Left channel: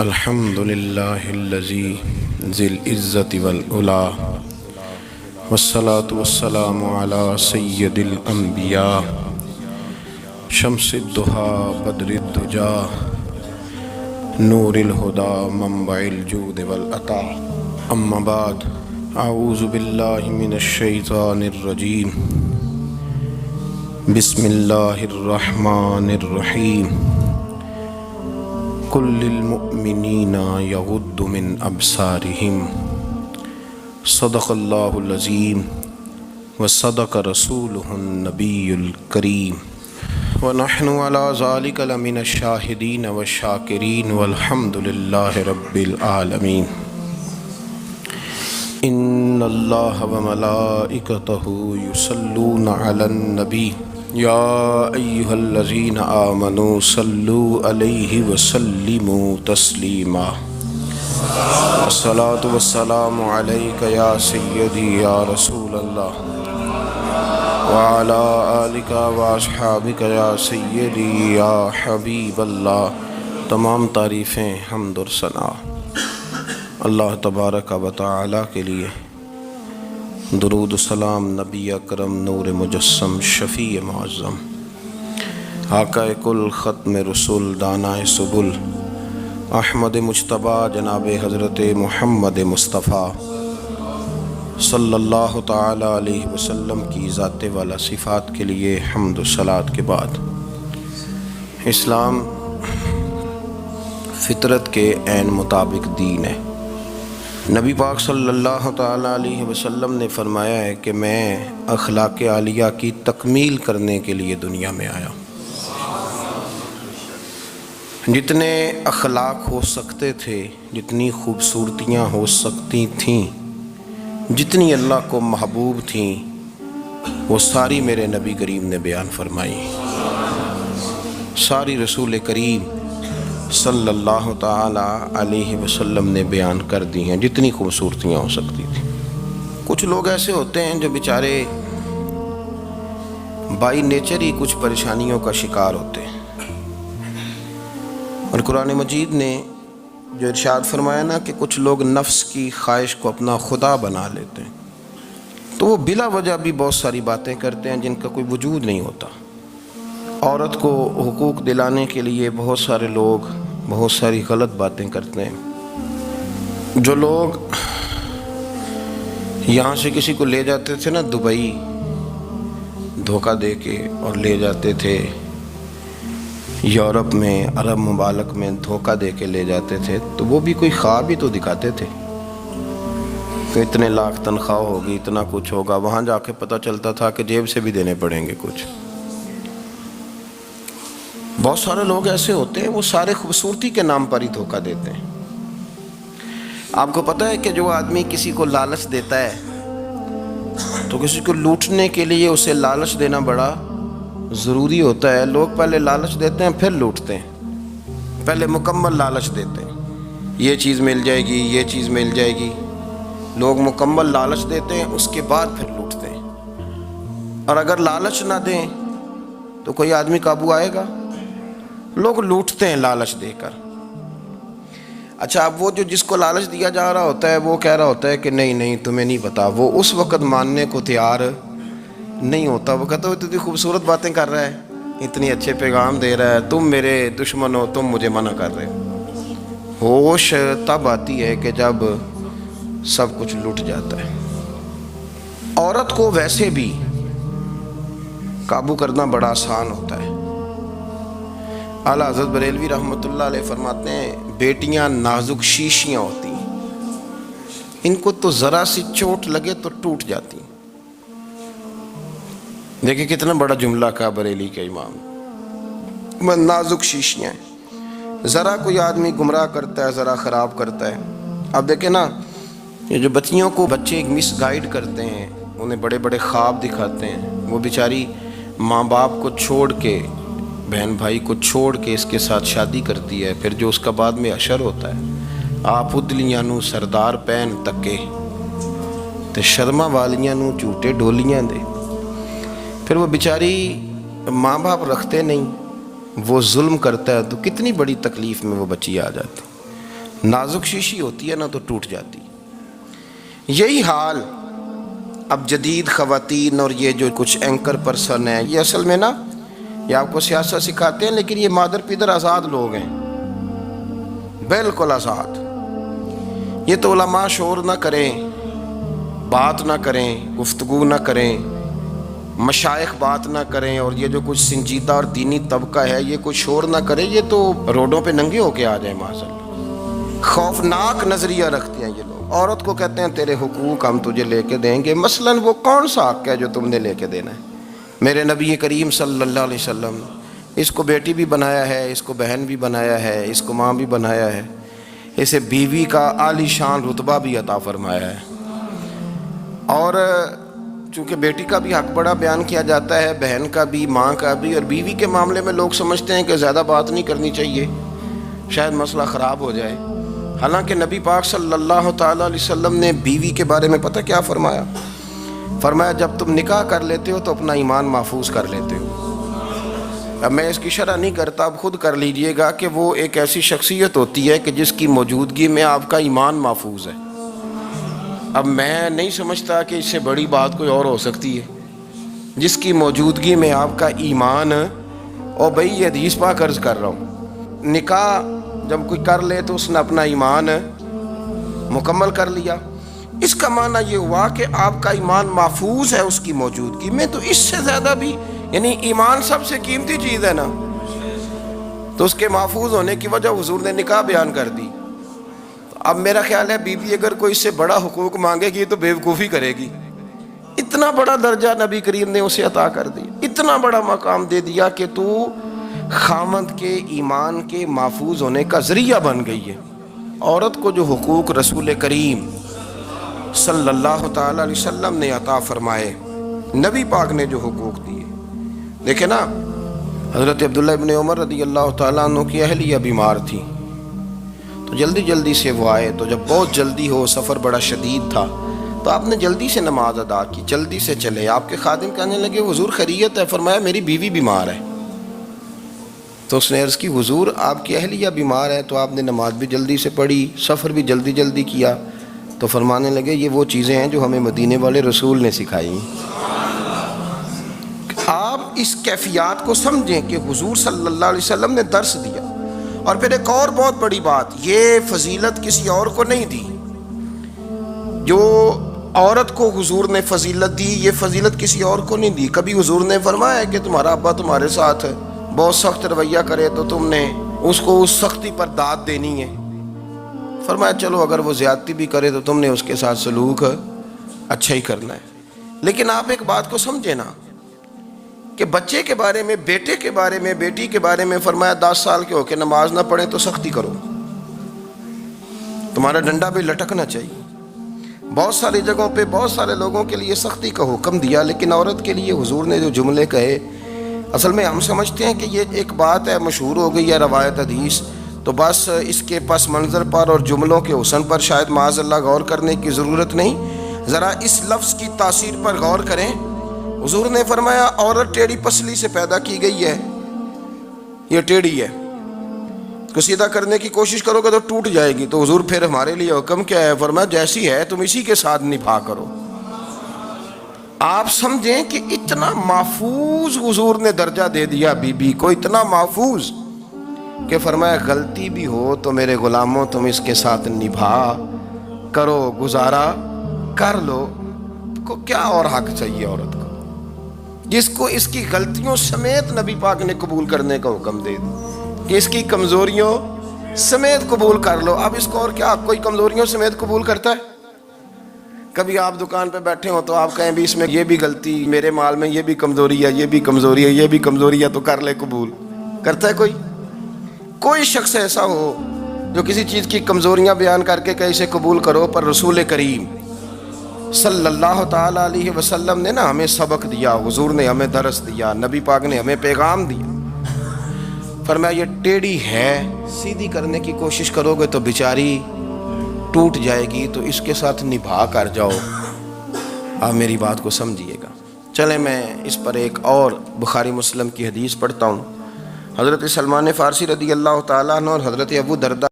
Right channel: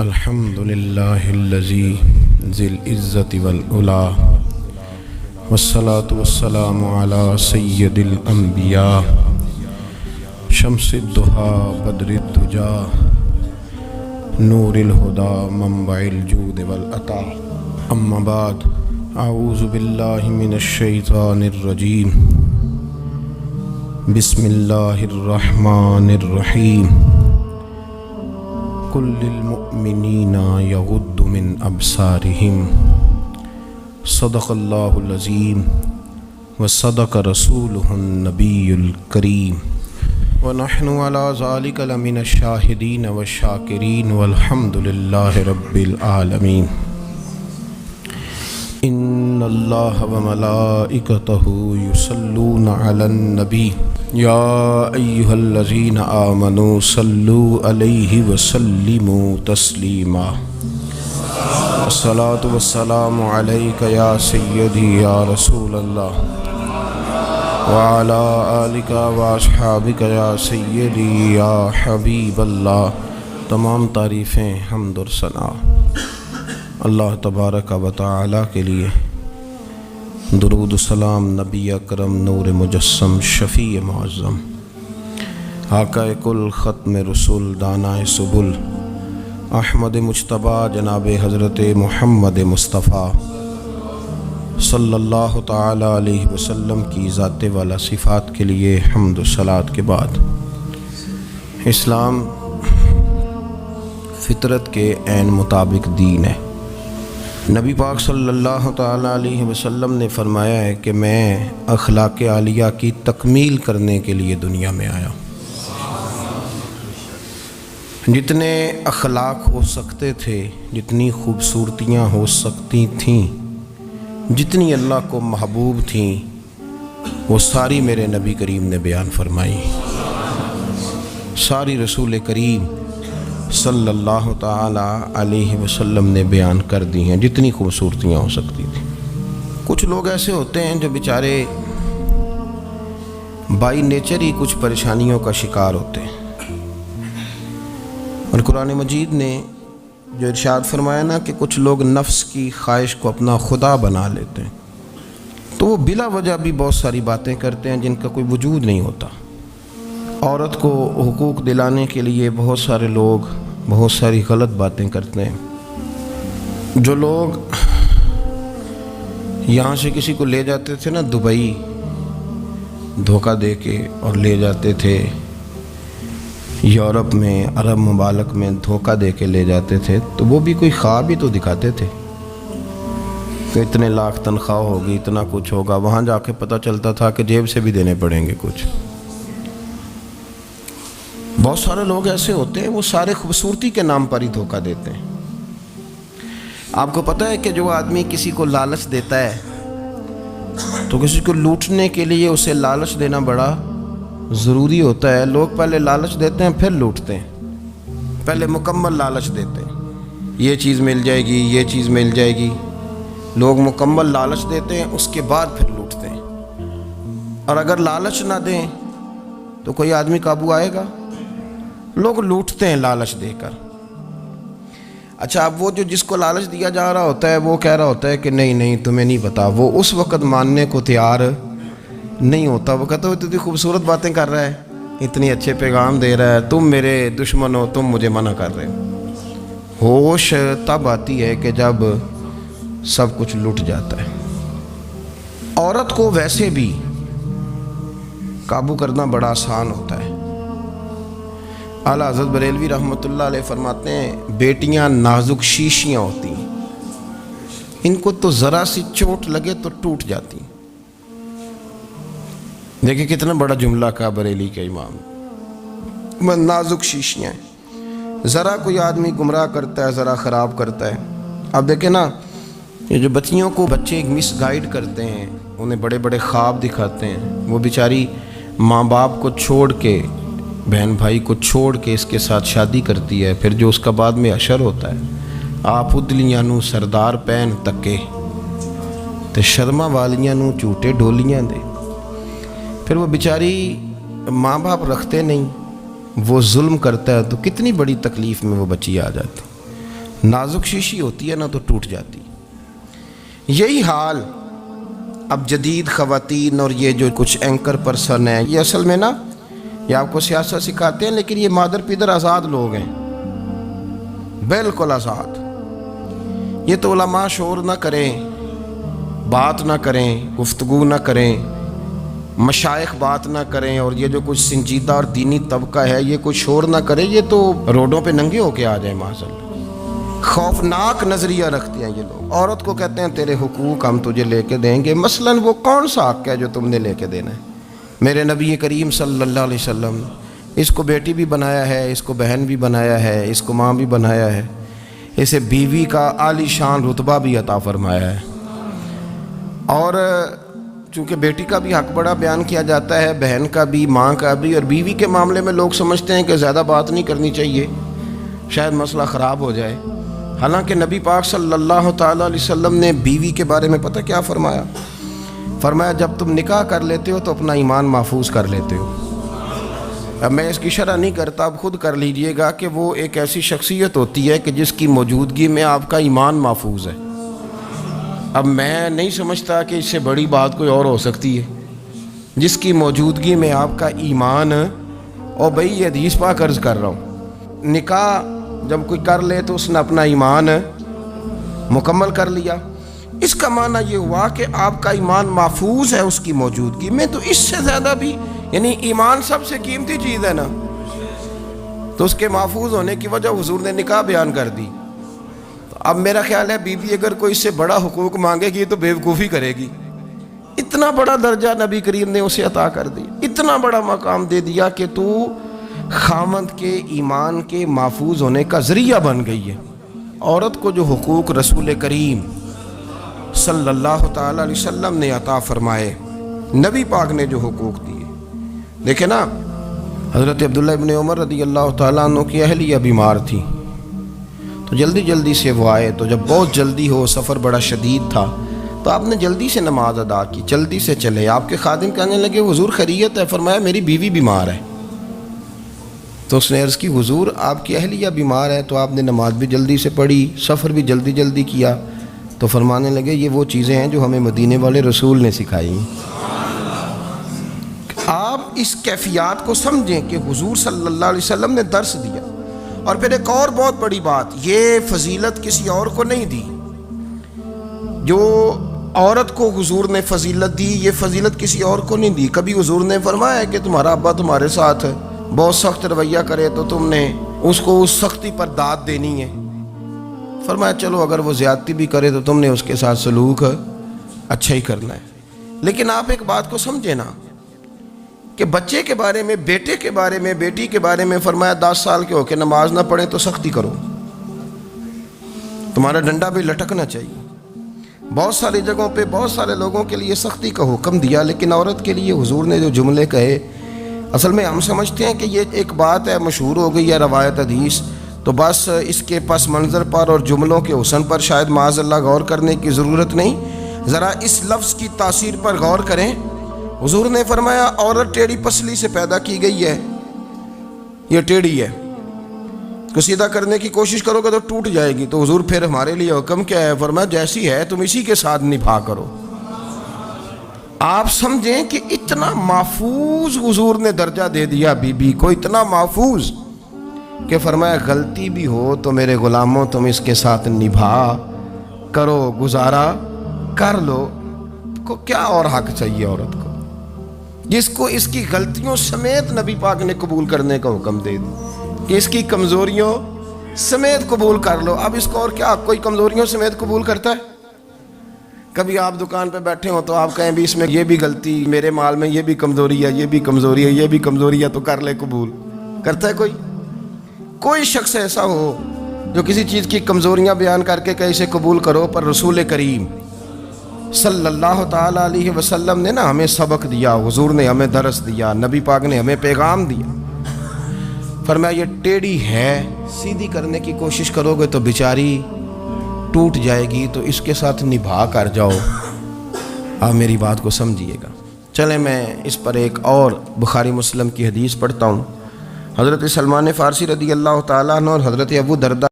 الحمد للہ الذی ذی العزت والعلا والصلاة والسلام علی سید الانبیاء شمس الضحیٰ بدر الدجا نور الہدی منبع الجود والعطا اما بعد اعوذ باللہ من الشیطان الرجیم بسم اللہ الرحمن الرحیم قل للمؤمنین یغضوا من ابصارہم صدق اللہ العظیم وصدق رسولہ النبی الکریم ونحن علی ذلک لمن الشاہدین والشاکرین والحمد للہ رب العالمین ان اللہ وملائکتہ یصلون علی النبی یا ایہا الذین آمنوا صلوا علیہ وسلموا تسلیما الصلاة والسلام علیک یا سیدی یا رسول اللہ وعلی آلک واصحابک یا سیدی یا حبیب اللہ۔ تمام تعریفیں حمد و ثنا اللہ تبارک و تعالی کے لیے، درود و سلام نبی اکرم نور مجسم شفیع معظم آقا کل ختم رسول دانائے سبل احمد مجتبیٰ جناب حضرت محمد مصطفیٰ صلی اللہ تعالی علیہ وسلم کی ذات والا صفات کے لیے حمد و صلات کے بعد، اسلام فطرت کے عین مطابق دین ہے۔ نبی پاک صلی اللہ تعالی علیہ وسلم نے فرمایا ہے کہ میں اخلاق عالیہ کی تکمیل کرنے کے لیے دنیا میں آیا۔ جتنے اخلاق ہو سکتے تھے، جتنی خوبصورتیاں ہو سکتی تھیں، جتنی اللہ کو محبوب تھیں، وہ ساری میرے نبی کریم نے بیان فرمائی، ساری رسول کریم صلی اللہ تعالی علیہ وسلم نے بیان کر دی ہیں، جتنی خوبصورتیاں ہو سکتی تھیں۔ کچھ لوگ ایسے ہوتے ہیں جو بیچارے بائی نیچر ہی کچھ پریشانیوں کا شکار ہوتے ہیں، اور قرآن مجید نے جو ارشاد فرمایا نا کہ کچھ لوگ نفس کی خواہش کو اپنا خدا بنا لیتے ہیں، تو وہ بلا وجہ بھی بہت ساری باتیں کرتے ہیں جن کا کوئی وجود نہیں ہوتا۔ عورت کو حقوق دلانے کے لیے بہت سارے لوگ بہت ساری غلط باتیں کرتے ہیں۔ جو لوگ یہاں سے کسی کو لے جاتے تھے نا دبئی، دھوکہ دے کے اور لے جاتے تھے یورپ میں، عرب ممالک میں دھوکہ دے کے لے جاتے تھے، تو وہ بھی کوئی خواب ہی تو دکھاتے تھے کہ اتنے لاکھ تنخواہ ہوگی، اتنا کچھ ہوگا۔ وہاں جا کے پتہ چلتا تھا کہ جیب سے بھی دینے پڑیں گے کچھ۔ بہت سارے لوگ ایسے ہوتے ہیں، وہ سارے خوبصورتی کے نام پر ہی دھوکہ دیتے ہیں۔ آپ کو پتہ ہے کہ جو آدمی کسی کو لالچ دیتا ہے تو کسی کو لوٹنے کے لیے اسے لالچ دینا بڑا ضروری ہوتا ہے۔ لوگ پہلے لالچ دیتے ہیں پھر لوٹتے ہیں، پہلے مکمل لالچ دیتے ہیں، یہ چیز مل جائے گی، یہ چیز مل جائے گی۔ لوگ مکمل لالچ دیتے ہیں، اس کے بعد پھر لوٹتے ہیں۔ اور اگر لالچ نہ دیں تو کوئی آدمی قابو آئے گا؟ لوگ لوٹتے ہیں لالچ دے کر۔ اچھا، اب وہ جو جس کو لالچ دیا جا رہا ہوتا ہے وہ کہہ رہا ہوتا ہے کہ نہیں نہیں تمہیں نہیں پتا، وہ اس وقت ماننے کو تیار نہیں ہوتا۔ وہ کہتا ہے اتنی خوبصورت باتیں کر رہا ہے، اتنی اچھے پیغام دے رہا ہے، تم میرے دشمن ہو، تم مجھے منع کر رہے ہو۔ ہوش تب آتی ہے کہ جب سب کچھ لٹ جاتا ہے۔ عورت کو ویسے بھی قابو کرنا بڑا آسان ہوتا ہے۔ اعلیٰ حضرت بریلوی رحمۃ اللہ علیہ فرماتے ہیں بیٹیاں نازک شیشیاں ہوتی ہیں، ان کو تو ذرا سی چوٹ لگے تو ٹوٹ جاتی ہیں۔ دیکھیں کتنا بڑا جملہ کہا بریلی کے امام، نازک شیشیاں ہیں، ذرا کوئی آدمی گمراہ کرتا ہے، ذرا خراب کرتا ہے۔ اب دیکھیں نا، یہ جو بچیوں کو بچے مس گائیڈ کرتے ہیں، انہیں بڑے بڑے خواب دکھاتے ہیں، وہ بیچاری ماں باپ کو چھوڑ کے، بہن بھائی کو چھوڑ کے اس کے ساتھ شادی کرتی ہے، پھر جو اس کا بعد میں حشر ہوتا ہے، آپ ادلیاں نو سردار پہن تکے تے شرما والیاں نو جھوٹے ڈولیاں دے۔ پھر وہ بیچاری ماں باپ رکھتے نہیں، وہ ظلم کرتا ہے تو کتنی بڑی تکلیف میں وہ بچی آ جاتی۔ नाजुक शीशी होती है ना तो टूट जाती। यही हाल अब जदीद ख़वातीन और ये जो कुछ एंकर पर्सन हैं, ये असल में ना ये आपको सियासत सिखाते हैं, लेकिन ये मादर पिदर आज़ाद लोग हैं, बिल्कुल आज़ाद। ये तो उलमा शोर ना करें, बात ना करें, गुफ्तगू ना करें, मशाइख बात ना करें, और ये जो कुछ संजीदा और दीनी तबका है ये कुछ शोर ना करे, ये तो रोडों पे नंगे होके आ जाए माशाअल्लाह। खौफनाक नज़रिया रखते हैं ये लोग। औरत को कहते हैं तेरे हुकूक हम तुझे लेके देंगे। मसलन वो कौन सा हक़ है जो तुमने लेके देना है? मेरे नबी करीम सल्लल्लाहु अलैहि वसल्लम इसको बेटी भी बनाया है, इसको बहन भी बनाया है, इसको माँ भी बनाया है, इसे बीवी का आलीशान रुतबा भी अता फरमाया है। और चूँकि बेटी का भी हक़ बड़ा बयान किया जाता है, बहन का भी, माँ का भी, और बीवी के मामले में लोग समझते हैं कि ज़्यादा बात नहीं करनी चाहिए, शायद मसला ख़राब हो जाए। हालांकि नबी पाक सल्लल्लाहु ताला अलैहि वसल्लम ने बीवी के बारे में पता क्या फरमाया? फरमाया जब तुम निकाह कर लेते हो तो अपना ईमान महफूज कर लेते हो। अब मैं इसकी शरह नहीं करता, अब खुद कर लीजिएगा कि वो एक ऐसी शख्सियत होती है कि जिसकी मौजूदगी में आपका ईमान महफूज है। अब मैं नहीं समझता कि इससे बड़ी बात कोई और हो सकती है, जिसकी मौजूदगी में आपका ईमान। और भाई ये हदीस पाक अर्ज़ कर रहा हूँ, निकाह जब कोई कर ले तो उसने अपना ईमान मुकम्मल कर लिया। इसका माना ये हुआ कि आपका ईमान महफूज है उसकी मौजूदगी में। तो इससे ज़्यादा भी, यानी ईमान सबसे कीमती चीज़ है ना, तो उसके महफूज होने की वजह हुजूर ने निकाह बयान कर दी। तो अब मेरा ख्याल है बीवी अगर कोई इससे बड़ा हुकूक मांगेगी तो बेवकूफ़ी करेगी। इतना बड़ा दर्जा नबी करीम ने उसे अता कर दी, इतना बड़ा मकाम दे दिया कि तू खामद के ईमान के महफूज होने का ज़रिया बन गई है। औरत को जो हुकूक रसूल करीम सल्लल्लाहु ताला अलैहि वसल्लम ने अता फरमाए, नबी पाक ने जो हुकूक दिए, देखे ना, हज़रत अब्दुल्लाह इब्न उमर रज़ी अल्लाह ताला अन्हु की अहलिया बीमार थी, तो जल्दी जल्दी से वो आए। तो जब बहुत जल्दी हो, सफ़र बड़ा शदीद था, तो आपने जल्दी से नमाज अदा की, जल्दी से चले। आपके खादिम कहने लगे हुजूर खैरियत है? फरमाया मेरी बीवी बीमार है। तो उसने अर्ज़ की हुजूर आपकी अहलिया बीमार है, तो आपने नमाज भी जल्दी से पढ़ी, सफ़र भी जल्दी जल्दी किया। तो फरमाने लगे ये वो चीज़ें हैं जो हमें मदीने वाले रसूल ने सिखाई। आप इस कैफियत को समझें कि हुजूर सल्लल्लाहु अलैहि वसल्लम ने दर्स दिया। और फिर एक और बहुत बड़ी बात, ये फजीलत किसी और को नहीं दी। जो औरत को हुजूर ने फजीलत दी, ये फजीलत किसी और को नहीं दी। कभी हुजूर ने फरमाया कि तुम्हारा अब्बा तुम्हारे साथ बहुत सख्त रवैया करे तो तुमने उसको उस सख्ती पर दाद देनी है। फरमाया चलो अगर वो ज़्यादती भी करे तो तुमने उसके साथ सलूक अच्छा ही करना है। लेकिन आप एक बात को समझे ना कि बच्चे के बारे में, बेटे के बारे में, बेटी के बारे में फरमाया 10 साल के होके नमाज ना पढ़े तो सख्ती करो, तुम्हारा डंडा भी लटकना चाहिए। बहुत सारी जगहों पे बहुत सारे लोगों के लिए सख्ती का हुक्म दिया, लेकिन औरत के लिए हुजूर ने जो जुमले कहे, असल में हम समझते हैं कि ये एक बात है, मशहूर हो गई है रवायत हदीस, तो बस इसके पस मंज़र पर और जुमलों के हुस्न पर शायद माज़अल्लाह गौर करने की ज़रूरत नहीं। ज़रा इस लफ्ज़ की तासीर पर गौर करें। हुजूर ने फरमाया औरत टेढ़ी पसली से पैदा की गई है, ये टेढ़ी है, तो सीधा करने की कोशिश करोगे तो टूट जाएगी। तो हुजूर फिर हमारे लिए हुक्म क्या है? फरमाया जैसी है तुम इसी के साथ निभा करो। आप समझें कि इतना महफूज हुजूर ने दर्जा दे दिया बीबी को, इतना महफूज कि फरमाया गलती भी हो तो मेरे गुलामों तुम इसके साथ निभा करो, गुजारा कर लो। को क्या और हक चाहिए औरत को, जिसको इसकी गलतियों समेत नबी पाक ने कबूल करने का हुक्म दे दिया कि इसकी कमज़ोरियों समेत कबूल कर लो। अब इसको और क्या, कोई कमज़ोरियों समेत कबूल करता है? कभी आप दुकान पे बैठे हो तो आप कहें भी इसमें ये भी गलती, मेरे माल में ये भी कमज़ोरी है, ये भी कमज़ोरी है, ये भी कमज़ोरी है, तो कर ले कबूल। करता है कोई? कोई शख्स ऐसा हो जो किसी चीज़ की कमज़ोरियाँ बयान करके कहे इसे कबूल करो? पर रसूल करीम सल्लल्लाहु ताला अलैहि वसल्लम ने ना हमें सबक दिया, हुजूर ने हमें दरस दिया, नबी पाक ने हमें पैगाम दिया। फरमाया ये टेढ़ी है, सीधी करने की कोशिश करोगे तो बेचारी टूट जाएगी, तो इसके साथ निभा कर जाओ। आप मेरी बात को समझिएगा। चले मैं इस पर एक और बुखारी मुस्लिम की हदीस पढ़ता हूँ। हज़रत सलमान फ़ारसी रज़ी अल्लाह ताला अन्हु और हज़रत अबू दरदा